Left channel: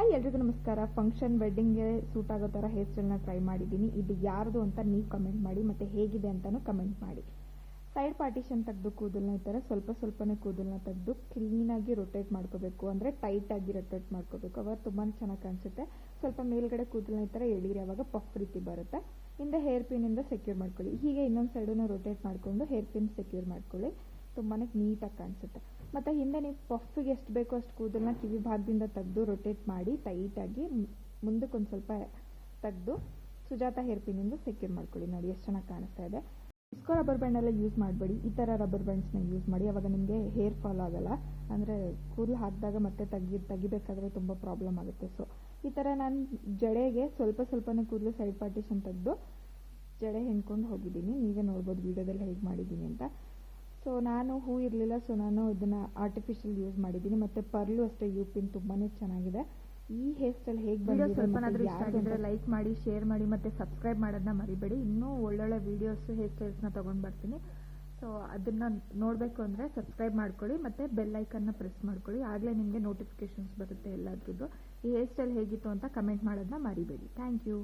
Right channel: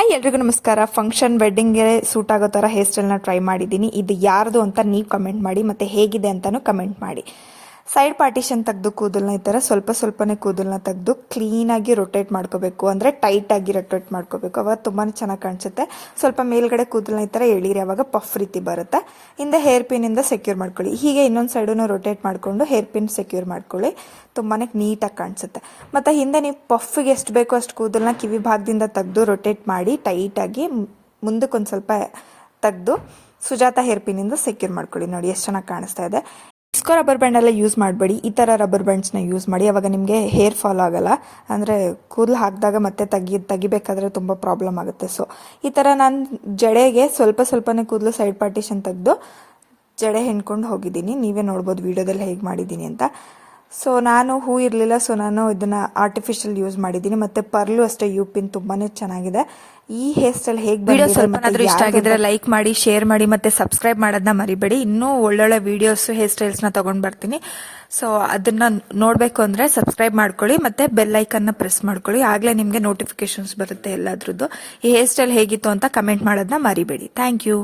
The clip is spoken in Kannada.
ಹಾಯ್ ಎಲ್ರಿಗೂ ನಮಸ್ಕಾರ. ಫಂಕ್ಷನ್ ವೆಡ್ಡಿಂಗ್ಗೆ ಸೂಟ್ ಆಗೋ ಥರ ಹೇರ್ ಸ್ಟೈಲ್ನ ಟ್ರೈ ಮಾಡಿದ್ದೀನಿ. ಇದು ಯಾರ್ದು ಅಂತ ನೀವು ಕಮೆಂಟ್ ಮಾಡಿ, ಮತ್ತು ಹೇಗಿದೆ ಅಂತಲೂ ಕಮೆಂಟ್ ಮಾಡಿ. ಸೈಡ್ ಪಾರ್ಟಿಷನ್ ತೆಗೆದು ಕೂದಲನ್ನ ಈ ಥರ ಸ್ವಲ್ಪನೇ ಕೂದಲನ್ನ ತೆಗೆದು ಕ್ಲೀನಾಗಿ ರೊಟೇಟ್ ಮಾಡ್ಕೋಬೇಕು, ಅಂದರೆ ಟೈಟಾಗಿ ರೊಟೇಟ್ ಮಾಡ್ಕೋಬೇಕು. ಅವಾಗ ತುಂಬಾ ಚೆನ್ನಾಗಿ ಕಾಣಿಸುತ್ತೆ. ಸ್ವಲ್ಪ ಮೇಲ್ಗಡೆ ಕೂದಲನ್ನ ಈ ಥರ ಎಳೀರಿ, ಅವಾಗ ಪಫ್ ರೀತಿ ಬರುತ್ತೆ. ಹಿಂದೆ ಹೇರ್ ಪಿನ್ನಿಂದ ಸೆಕ್ಯೂರ್ ಮಾಡ್ಕೊಳ್ಳಿ. ಹೀಗೆ ಇನ್ನೊಂದು ಸೈಡನ್ನು ರೊಟೇಟ್ ಮಾಡಿಕೊಂಡು ಹೇರ್ ಪಿನ್ ಸೆಕ್ಯೂರ್ ಮಾಡ್ಕೊಳ್ಳಿ. ತುಂಬಾ ನೀಟಾಗಿ ಕಾಣಿಸುತ್ತೆ. ಮತ್ತು ಹಿಂದೆ ನೀವು ಪಫ್ಗೆ ಎಷ್ಟು ಬೇಕೋ ಅಷ್ಟು ಕೂದಲನ್ನ ಕಿವಿ ಭಾಗದಿಂದ ತೆಗೆದು ರೊಟೇಟ್ ಮಾಡಿ ಟೈಟಾಗಿ ಮುಂದಕ್ಕೆ ಒಂದು ಸ್ವಲ್ಪ ತೆಗೆದು ಸುಜಾತ ಹೇರ್ ಪಿನ್ನಿಂದ ಸೆಕ್ಯೂರ್ ಮಾಡ್ಕೊಳ್ಳಿ. ನೋಡಿ ಎಷ್ಟು ಚೆನ್ನಾಗಿ ಕಾಣಿಸ್ತಾ ಇದೆ. ಡಿಸ್ಕೋ ರಬ್ಬರ್ ಬ್ಯಾಂಡ್ ಎಲ್ಲ ಯೂಸ್ ಮಾಡಬೇಡಿ, ಈ ಥರ ರಬ್ಬರ್ ಬ್ಯಾಂಡ್ಸ್ನ ಯೂಸ್ ಮಾಡಿ. ಅವಾಗ ನಿಮಗೆ ಹೇರ್ ಫಾಲ್ ಆಗಲ್ಲ, ಅಂದರೆ ಕೂದಲು ಹಾಕಿದಾಗ ಮತ್ತೆ ತೆಗಿಬೇಕಾದ್ರೆ ತುಂಬ ಪ್ರಾಬ್ಲಮ್ ಆಗುತ್ತೆ. ಸೊ ಈ ಥರ ನಾನು ಜಡೆಗೆ ಸ್ವಲ್ಪನೇ ಕೂದಲು ಸೈಡ್ ಪಾರ್ಟಿಷನ್ ತೆಗೆದು ಜಡೆ ಹೆಣ್ಕೊಂಡು ಹೋಗಿದ್ದೀನಿ. ನೀವೇ ನೋಡ್ಬೋದು ವಿಡಿಯೋದಲ್ಲಿ ಹೇಗೆ ಮಾಡಿದ್ದೀನಿ ಅಂತ. ಸೊ ನಾನು ಹೂ ಇರಲಿಲ್ಲ, ಸೊ ನಾನು ಇದನ್ನು ಆರ್ಟಿಫಿಷಿಯಲ್ ಯೂಸ್ ಮಾಡಿದ್ದೀನಿ. ಮತ್ತು ಪರ್ಲು ಅಷ್ಟೇ ಯು ಪಿನ್ ತುಂಬಾ ಚೆನ್ನಾಗಿದೆ. ಈ ಹೇರ್ ಸ್ಟೈಲ್ ಹೇಗೆ ವಿಡಿಯೋ ಸ್ವಲ್ಪ ಇಷ್ಟ ಆಗಿದ್ರೆ ಲೈಕ್ ಮಾಡಿ, ಶೇರ್ ಮಾಡಿ, ಮತ್ತು ಸಬ್ಸ್ಕ್ರೈಬ್ ಮಾಡೋದನ್ನ ಮರಿಬೇಡಿ. ಇನ್ನೂ ಒಳ್ಳೊಳ್ಳೆ ವೀಡಿಯೋಸ್ ಹೇರ್ ಸ್ಟೈಲ್ಸ್ನ ತೊಗೊಂಡು ಬರ್ತೀನಿ. ಸೊ ಅದನ್ನು ನೋಡಬೇಕು ಅಂದರೆ ಸಬ್ಸ್ಕ್ರೈಬ್ ಮಾಡ್ಕೊಳ್ಳಿ, ಮತ್ತು ಬೆಲ್ ಐಕನ್ನ ಪ್ರೆಸ್ ಮಾಡ್ಕೊಳ್ಳಿ. ಆಗಲೇ ನಿಮಗೆ ನೋಟಿಫಿಕೇಶನ್ಸ್ ಬರುತ್ತೆ ಎಲ್ಲದ್ರದ್ದು. ಈ ಹೇರ್ ಸ್ಟೈಲ್ ಹೇಗಿತ್ತು ಅಂತ ಕಮೆಂಟ್ ಮಾಡೋದನ್ನ ಮರಿಬೇಡಿ. Thank you.